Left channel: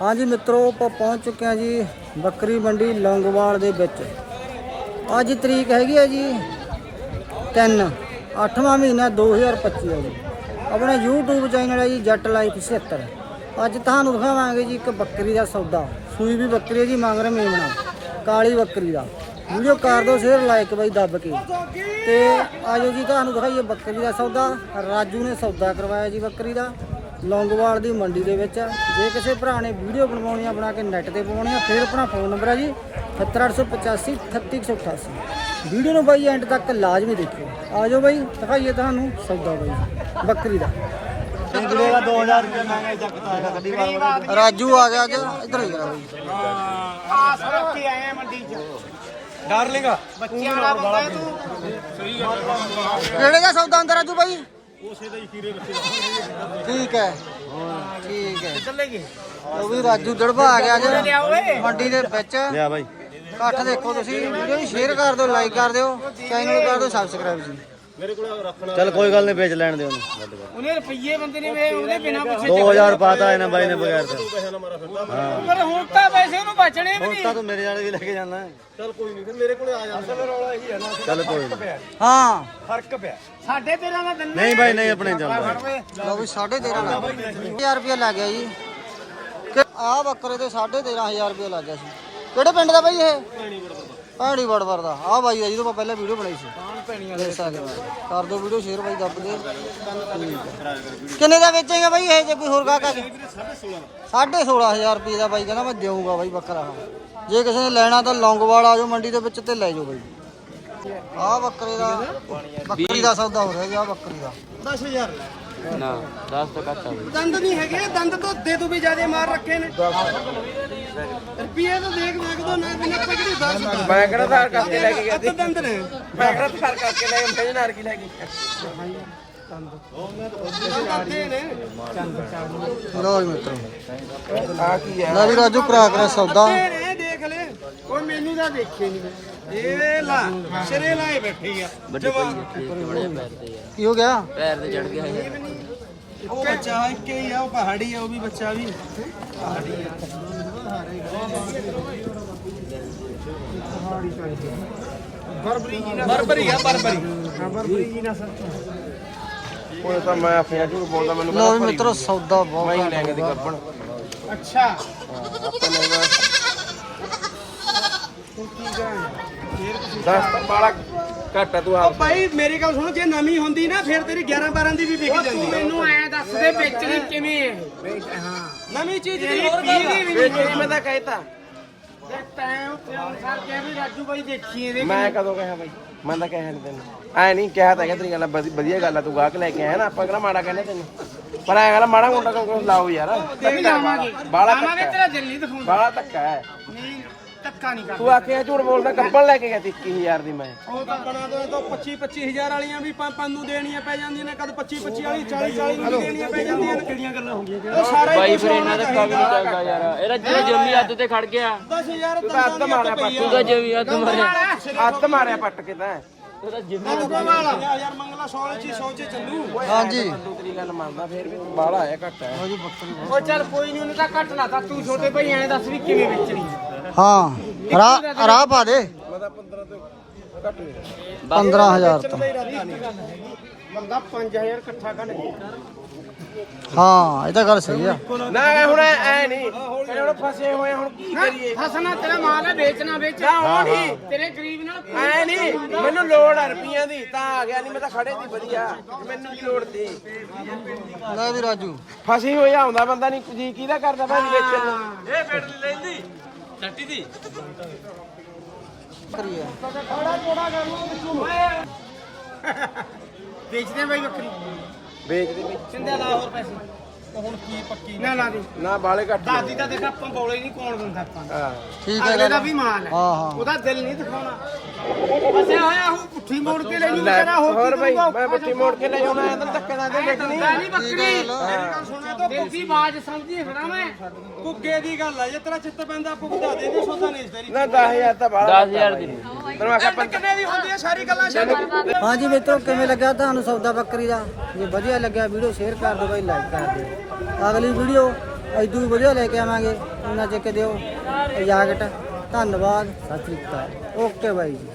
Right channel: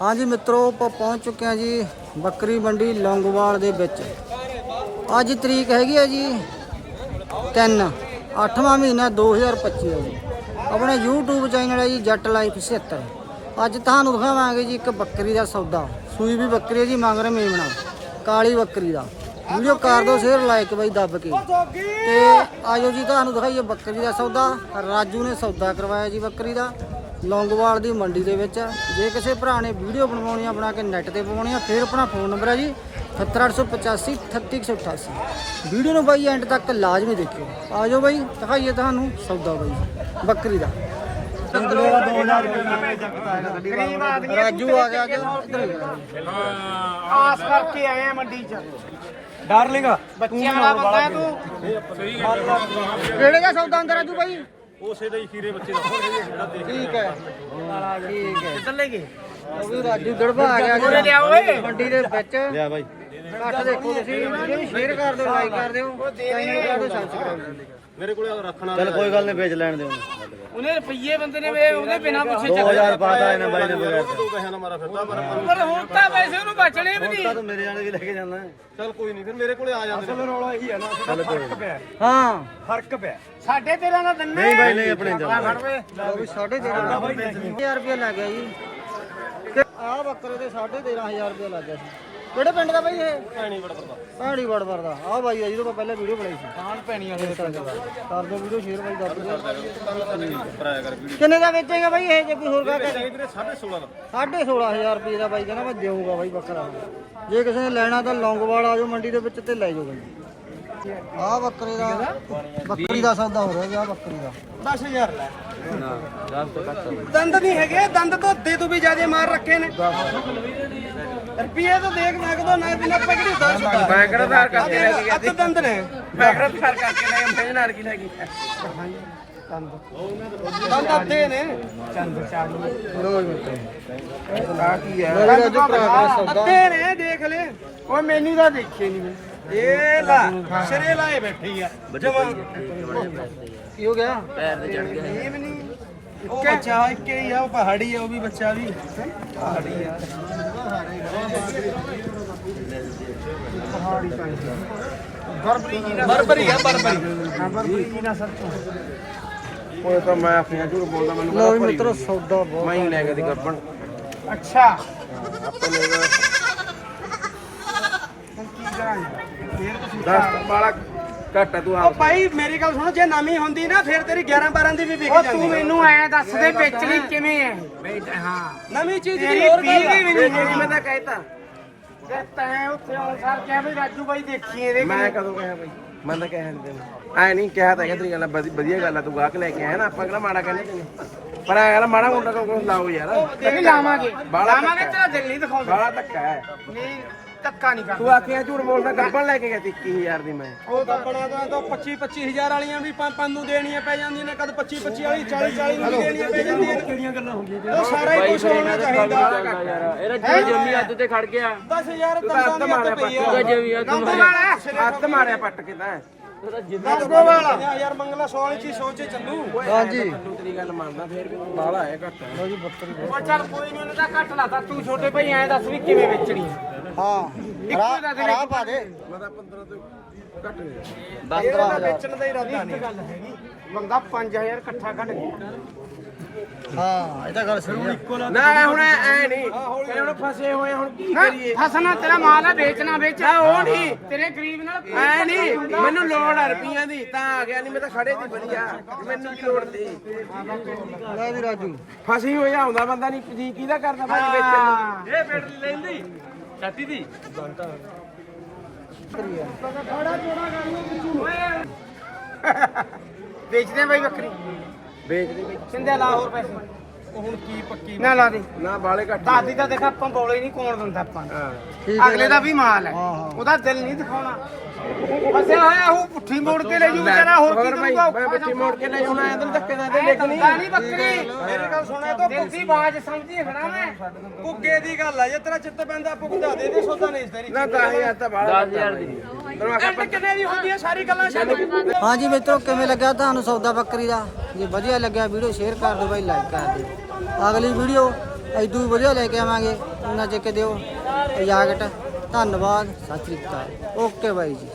ਹਾਂਜੀ ਮਿੱਤਰੋ, ਆਪਾਂ ਪਹੁੰਚ ਚੁੱਕੇ ਹਾਂ ਜੀ ਬੱਕਰੀ ਮੰਡੀ ਲੌਂਗੋਵਾਲ ਦੇ ਵਿੱਚ। ਅੱਜ ਤਰੀਕ ਹੈਗੀ ਹੈ ਜੀ 3 8ਵਾਂ ਮਹੀਨਾ 2025 ਹੈ ਜੀ। ਆਪਣਾ YouTube ਚੈਨਲ ਹੈ ਜੀ ਜੱਟ ਲਾਈਫ 76 ਅੱਜ ਤੁਹਾਨੂੰ ਦਿਖਾਵਾਂਗੇ ਜੀ ਇੱਕ ਬੱਕਰੀ ਦਾ ਸੌਦਾ। ਸੂਈ ਵੀ ਬੱਕਰੀ ਹੈ ਜੀ ਮੰਗ ਰਹੇ ਮੇਮਣਾ। ਕਾਲੀ ਬੱਕਰੀ ਦਾ। ਵੀਡੀਓ ਕਰ ਦਿਓ ਸ਼ੇਅਰ ਲਾਈਕ ਬਾਈ ਦੱਬ ਕੇ। ਤੇ ਆਜੋ ਜੀ, ਤੁਹਾਨੂੰ ਦਿਖਾਈਏ ਬੱਕਰੀ ਦਾ ਸੌਦਾ। ਰਾਜੂ ਨੇ ਸੌਦਾ ਕਰਵਾਇਆ ਜੀ ਬੱਕਰੀ ਦਾ। ਲੌਂਗੋਵਾਲ ਦੀ ਮੰਡੀ ਦੇ ਵਿੱਚ ਜੇ ਕਿਸੇ ਭਰਾ ਨੇ ਵੀਡੀਓ ਬਣਵਾਉਣੀ ਆ ਬਣਾ ਕੇ ਨੈਟ ਤੇ ਪਾਉਣੀ ਆ ਫਿਰ ਆਪਣਾ ਫੋਨ ਨੰਬਰ ਹੈ ਜੀ 78885 38188 ਵੀਡੀਓ ਨੂੰ ਬਾਈ ਐਂਡ ਤੱਕ ਲਾਜ਼ਮੀ ਦੇਖਿਓ। ਆਜੋ ਬਾਈ ਦਿਖਾਈਏ ਤੁਹਾਨੂੰ ਸੌਦਾ ਬਾਈ ਬੱਕਰੀ ਦਾ। ਰਾਜੂ ਆ ਗਿਆ ਅੱਜ ਇੱਧਰ ਹੀ ਆਸ ਕਰਕੇ ਆਏ ਆ ਮੰਡੀ ਚ। ਡਾਰਲਿੰਗ ਬੱਚਿਆਂ ਵਾਲਾ ਬੰਦਾ ਹੈ ਤੂੰ। ਕਿਹੜੇ ਦਾ ਸੌਦਾ ਹੁੰਦਾ ਰਾਜੂ ਬਾਈ? ਉਸੇ ਦੇ ਹੀ ਖੀਰੇ ਬੱਚੇ ਠੀਕ ਹੈ। ਠੀਕ ਹੈ। ਕਿੱਧਰ ਲੈ ਗਏ। ਉਹ ਵੀ ਰਾਜੂ ਦੜਬਾ ਆ ਗਿਆ ਲਿਆ ਓਏ। ਮੰਡੀ ਦੇ ਵਿੱਚ। ਲਿਆ ਬਾਈ। ਇਕੱਠ ਦੇਖੋ ਤੁਸੀਂ। ਵੀਡੀਓ ਨੂੰ ਸ਼ੇਅਰ ਕਰ ਦਿਓ ਲਾਈਕ ਕਰ ਦਿਓ। ਚੈਨਲ ਨੂੰ ਕਰ ਦਿਓ ਸਬਸਕ੍ਰਾਈਬ ਜੀ। ਮੇਰੇ ਕੋਲੇ ਰੱਖਣਾ ਚੱਲ ਕੋਈ ਗੱਲ ਨਹੀਂ ਵੇਚ ਲੈਣ ਦੇ ਉਹਨੂੰ। ਉਹਨੇ ਰੁਪਈਏ ਬੰਦੇ ਨੇ ਵੇ ਉਹਦੇ ਬਿਨਾ ਪੁੱਛੇ ਚੱਲ 2000 ਪਾਤਾ ਇਹਨਾਂ ਬਾਈ ਨੇ ਯਾਰ ਤੂੰ। ਪੈਸੇ ਨਾ ਮਾਰਾ ਫਿਰ ਪਰ ਹੁਣ ਤਾਂ ਪੈਸੇ ਉਹਨੂੰ ਬਚਣੇ ਵੀ ਨਹੀਂ। ਤੂੰ ਮੇਰੇ ਵਾਲੇ ਵੀ ਲੈ ਕੇ ਜਾਣਾ। ਚੱਲ ਕੋਈ ਨਹੀਂ ਫਿਰ ਮੇਰੇ ਕੋਲੇ ਆ ਜਾਂਦੇ ਚੱਲ ਕੋਈ ਨਹੀਂ। ਹਾਂ। ਫ਼ਰਕ ਪਿਆ। ਸਾਡੇ ਤੇਰਾ ਦਾ ਦੰਨੇ। ਨਹੀਂ ਬਾਈ ਨਹੀਂ ਆਪਣੇ ਜਾਣਾ ਵੇ ਲੋ ਵੀ 13500 1000 ਰੁਪਏ ਲੱਗ ਗਿਆ ਜੀ। ਆ ਬੱਕਰੇ ਤੇ 13500 ਰੁਪਏ ਲੱਗ ਗਿਆ ਸੀ। ਕਿਹੜੇ ਪਿੰਡ ਦਾ ਬਾਈ ਇਹ? ਪੈਣੀ ਬੜਾ ਭੈਣੀ ਵੜਵਰ ਦਾ ਆ ਬਾਈ ਆ ਜਿਹਦੋਂ ਆਪਾਂ ਪਹਿਲਾਂ ਵੀਡੀਓ ਬਣਾਈ ਸੀ। ਦੇਖ ਸਕਦੇ ਹੋ। ਕਰ ਦਿਓ ਵੀਡੀਓ ਸ਼ੇਅਰ ਬਾਈ ਦੱਬ ਦੇ ਕਿੰਨੇ ਦਾ ਵੇਚੇਗਾ ਬਾਈ ਇਹ? ਜੇ ਕੋਈ ਹੋਰ ਗਾਹਕ ਆ- ਵੀਰੇ 16.5 ਦਾ 16500 ਰੁਪਏ ਦਾ ਬਾਈ ਕਹਿੰਦਾ ਮੈਂ ਦੇਊਂਗਾ ਬਾਈ ਬੱਕਰਾ। ਜੇ ਕਿਸੇ ਨੇ ਲੈਣਾ ਤਾਂ ਲੌਂਗੋਵਾਲ ਆ ਜਾਓ ਮੰਡੀ ਦੇ ਵਿੱਚ ਤੇ ਲੈ ਜਾਓ ਬਾਈ। ਆ ਬੱਕਰੇ ਦਾ ਬੱਕਰੀ ਦਾ ਸੌਦਾ ਹੋ ਰਿਹਾ ਜੀ ਆ ਬੱਕਰੀ ਦਾ। 10000 ਲੈ। ਦੰਦ ਨਹੀਂ ਹੈਗੇ ਦੰਦ ਤੋਂ ਦੇ ਤੂੰ ਵੀ ਜਿਆਦੇ ਮਾਰ ਰੱਖੇ ਨੇ। ਰੁਪਈਏ ਤਾਂ ਦੇਖ ਲੱਗਦਾ ਨਾ ਦਿਨ ਆਪਾਂ ਕਿਹੜੀ ਦੱਸ ਦਾ ਮੈਂ ਕਿਹੜਾ ਧਾਰ ਕਰਕੇ ਲੈ ਕੇ ਗਿਆ ਅੱਧ ਦੰਦ ਨੇ। ਮੈਂ ਕਿਹੜਾ ਧਾਰ ਕਰਕੇ ਲੈ ਗਿਆ ਮੈਂ ਨਾਰ ਕੀ ਲੈ ਗਿਆ ਦੰਦ ਅੱਧੇ ਨੇ। ਲੋ ਜੀ ਮਿੱਤਰੋ। ਆ ਕੀ ਲੈ ਵੀ ਰਾਜੂ ਕਰਾ ਕਰਾ ਸੌਦਾ। ਅੱਧੇ ਨੇ ਦੇਖ ਲੈ। ਓਏ ਮੈਨੂੰ ਤਾਂ ਦੇਖੇ ਨਹੀਂ ਇਹ ਲਾ ਸਿਰੇ ਲਾਏ ਬੈਠੀ ਆ ਜਵਾਬ। ਕੀ ਹੋ ਗਿਆ? ਉਹ ਬੱਚਾ ਇੱਕੇ ਹੀ ਆ ਉਹ ਪਹਾੜੀ ਆ ਉਹ ਵੀ ਬੱਚਾ ਵੀ। ਪਹਾੜੀ ਆ। ਬਰਬਰੀ ਆ ਬਰਬਰੀ। ਹਾਂ ਬਰਬਰੀ ਜੀ ਉਹ ਤਾਂ ਮੈਂ ਆਖਿਆ ਝੂਠ ਬੋਲਦਾ ਮੈਨੂੰ ਲੋ ਵੀ ਮਿੱਤਰੋ ਸੌਦਾ ਬਹੁਤ ਘੱਟ ਲੈ ਕੇ ਹੋਊਗਾ। ਗੱਬਣ। ਅੱਛਾ। ਹੁਣ ਕੀ ਕਰਾਂਗੇ ਫੇਰ ਤੁਸੀਂ ਬਾਲਾ ਘੱਟ ਤੂੰ ਉਹ ਭਾਈ ਮੇਰੀ ਗੱਲ ਸੁਣੋ ਜੇ ਨਵੀਂ ਹੁੰਦੀ ਨਾ ਫਿਰ ਤੇਰੀ 11 12 ਦੀ ਵੀ ਵਿਕ ਜਾਂਦੀ ਤੂੰ ਮੈਨੂੰ ਐ ਦੱਸ ਦੇ ਵੇਚਣੀ ਕਿਵੇਂ ਹੈ ਹਾਂ। ਨਵੀਂ ਚੀਜ਼ ਦੀ ਹੋਰ ਗੱਲ ਹੈ ਮੈਂ ਤਾਂ ਕਹਿਤਾ। ਤੇ ਤੈਂ ਉੱਥੇ ਅਨਸਾਰ ਕਿਹਾ ਵੀ ਰਾਜੂ ਬਾਈ ਦੇਖੀ ਇਹਦੇ ਮੈਂ ਕਦੋਂ ਕਿਹਾ ਬਾਈ? ਮੈਂ ਤਾਂ ਕਹਿਆ ਨਹੀਂ ਤੈਨੂੰ। ਐ ਨਹੀਂ ਕਿਹਾ ਤਾਂ ਹੈਗਾ ਤੇਰੀ ਗੱਲ ਵਧੀ- ਵਧੀਆ ਗੱਲ ਆ ਤੂੰ ਗਾਹਕ ਲੈ ਕੇ ਆਇਆ ਨਾ ਆਪਾਂ ਕਿਹੜਾ ਮਾੜਾ ਕਹਿੰਦੇ ਤੈਨੂੰ? ਪਰ ਐ ਗੱਲ ਮਾੜਾ ਮੋਟਾ ਕੋਈ ਲਾਓ ਯਾਰ। ਦੇਖ ਲਾਵਾਂਗੇ। ਬਾਲਾ ਲਾਵਾਂਗੇ ਤੇਰਾ ਦਿਲ ਨਹੀਂ ਦਿਖਾਉਂਦਾ। ਗਾਲਾ ਧੱਕਾ ਹੈ। ਨਹੀਂ। ਧੱਕਾ ਨਹੀਂ ਤੂੰ ਕਰਦਾ ਆਖਿਆ ਝੂਠ ਬੋਲਦਾ ਗੱਬਣ ਲੈ ਕੇ ਗਿਆ 21000 ਦੀ ਮੈਂ। ਉਹ ਕੱਪੜਾ ਦਾ ਤਾਂ 25 25000 ਵਾਲੀਆਂ ਵੀ ਪੰਜ ਪੰਜ ਨੂੰ ਦੇਣੀਆਂ ਪੈ ਜਾਂਦੀਆਂ ਨੇ ਕਦ 25 25 ਵਾਲੀ 40 40 ਨੂੰ ਵੀ ਦੇਣੀਆਂ ਪੈ ਜਾਂਦੀਆਂ ਨੇ। ਕਿਹੜੀਆਂ ਗੱਲਾਂ ਹੁੰਦੀਆਂ ਉਹ ਸਾਰਾ ਹੀ ਕੁਝ ਹੋਣਾ ਚਾਹੀਦਾ। ਇਹਦਾ ਜੀ ਜੰਮੀ ਹੱਥ ਤੇ ਖੜ ਗਿਆ। 10000 ਦੰਦਾਂ ਦੀ ਹੱਥ ਪਈ ਆ। ਜੰਮੀ ਹੱਥ ਹੱਥ ਮਾਰਿਆ ਪੱਟ ਕੇ ਤਾਂ। ਯਾਰ ਮੰਗਲਾ 100 ਵਾਲੀ ਚੀਜ਼ ਸੋਚੇ ਚੱਲੂ। ਹਾਂਜੀ। ਤੂੰ ਤੇਰੀ ਗੱਲ ਮੰਨਦਾ ਫੇਰ ਵੀ ਬਾਲਾ ਹੈ ਘੱਟ। ਹੈ ਲੋ ਜੀ ਬੱਕਰੀ। ਬਹੁਤ ਉਹ ਚੱਲ ਕੋਈ ਨਹੀਂ ਉਹਨੂੰ ਤਾਂ ਘੱਟ ਲਾਤਾ ਤੂੰ। ਛੋਟੇ ਭਾਈ ਐਂ ਦੱਸ ਵੀ ਕਿਵੇਂ ਵੇਚਣੀ ਹੈ ਹਾਂ ਰਾਹ ਰਾਹ ਪਾ ਦੇ। ਮੈਂ ਤਾਂ 15 ਤੋਂ। ਘੱਟ ਦੇ 15000 ਦਾ ਇਰਾਦਾ ਨਹੀਂ ਮੰਗਾ 5000 ਇਕੱਠਾ ਕੱਢ ਦੇ ਹਾਂ ਇਹ ਤਾਂ ਗੱਲ ਸਹੀ ਆ। ਨਾ ਹੁਣ ਐ ਨਹੀਂ। ਹੁਣ ਫਸੇ ਹੋਏ ਹੁਣ ਕੀ ਕਰੀਏ? ਫਸਣਾ ਤੇਰਾ ਮਾਲ ਆ ਵੇਚਣਾ ਵੇਚ। ਨਾ ਉਹ ਨਹੀਂ। ਤੇਰੇ ਗਰੀਬ ਨਾਲ ਐ ਨਹੀਂ ਮੈਨੂੰ ਲੋੜ ਆ ਰੁਪਈਆਂ ਦੀ ਤਾਂ ਆ ਗਿਆ ਨਹੀਂ ਮੈਂ ਤਾਂ ਖੜੇ ਦੀ ਵਧੀਆ। ਮੈਨੂੰ ਕੀ ਲੋੜ ਸੀ? ਲੈ ਵੀ ਰਾਜੂ। ਫਸੀ ਹੋਈ ਆਉਂਦਾ ਬੰਦਾ ਨਹੀਂ ਜੀ ਕਿਹਦਾ ਕਰਦਾ? ਭਾਈ ਵੇਚਣ ਨੂੰ। ਇਹ ਬੈਟਰੀ ਲੈਂਦੀ। ਦੀ? ਵੇਚਦੇ ਬਾਈ ਬੱਕਰੀ। ਵੇਚ ਦੇ ਵੀ ਸਿੰਧਿਆ ਲਾ ਹੋਰ ਪੈਸੇ। ਹੁਣ ਕੀ ਪੱਕੀ ਨਾ ਲਾ ਦੇ। ਨਾ ਬਾਲੇ ਘੱਟ ਦਾਦੀ ਦਾ। ਦੇਖ ਆਪਾਂ ਬੋਲੇ ਨਹੀਂ ਕੋਣ ਦਿੰਦਾ ਆਪਾਂ ਠੀਕ ਹੈ ਅਗਲੇ ਦਾ ਵੀ ਮਾਲ ਹੈ। ਹਾਂ ਹਾਂ। ਉਹਦਾ ਦਿਲ ਨਹੀਂ ਦਿਖਾਉਣਾ। ਫਸਿਆ ਹੋਇਆ ਉਹ ਪੁੱਠੀ ਮੋੜ ਕੇ ਲੈ ਜੂ ਲੈ ਵਿਚਾਰਾ ਹੋਰ ਹੋਰ ਕੀ ਭਾਈ ਕਰੂਗਾ? ਮੈਂ ਬੱਚੀ ਮੋੜ ਕੇ ਲੈ ਜਾਣਾ ਐ ਤਾਂ ਧੱਕੇ ਨਾਲ ਦੇ ਵੇਚਣੀ ਨਹੀਂ ਠੀਕ ਹੈ ਬੱਕਰੀ ਲੋ। ਮੇਰੀ ਗੱਲ ਸੁਣਿਆ ਤਾਂ ਪੁੱਗੀ ਬਾਜ ਸਮਝੀ ਖੜਾ ਮੈਂ। ਪੁੱਗੇ ਦੀ ਗੱਲ ਆ ਜੇ ਤੇਰਾ ਚਿੱਤ ਪੈਂਦਾ ਪੁੱਗਦਾ ਦੇ ਦੇ ਸੋਦਾ ਨਹੀਂ ਤੇਰੀ। ਨਾ 10000 ਤਾਂ ਬਾਲਾ 10000 ਦੀ। ਕਿੰਨੇ ਦੀ ਹੁੰਦੀ ਹੈ ਸਾਰੀ ਗੱਲਾਂ ਛੱਡ ਹਾਂਜੀ ਮਿੱਤਰੋ ਕਿਵੇਂ ਲੱਗਾ ਤੁਹਾਨੂੰ ਸੌਦਾ ਬੱਕਰੀ ਦਾ? ਜੇ ਵਧੀਆ ਲੱਗਿਆ ਵੀਡੀਓ ਸ਼ੇਅਰ ਕਰ ਦਿਓ ਬਾਈ ਲਾਈਕ ਕਰ ਦਿਓ। ਅਗਲੀ ਵੀਡੀਓ ਐਦੂ ਵਧੀਆ ਲੈ ਕੇ ਆਵਾਂਗੇ। ਉਹਨਾਂ ਚ ਕੇ ਦਿਓ। ਇਜਾਜ਼ਤ। ਧੰਨਵਾਦ। ਸਤਿ ਸ੍ਰੀ ਅਕਾਲ। ਓਕੇ ਬਾਈ ਜੀ।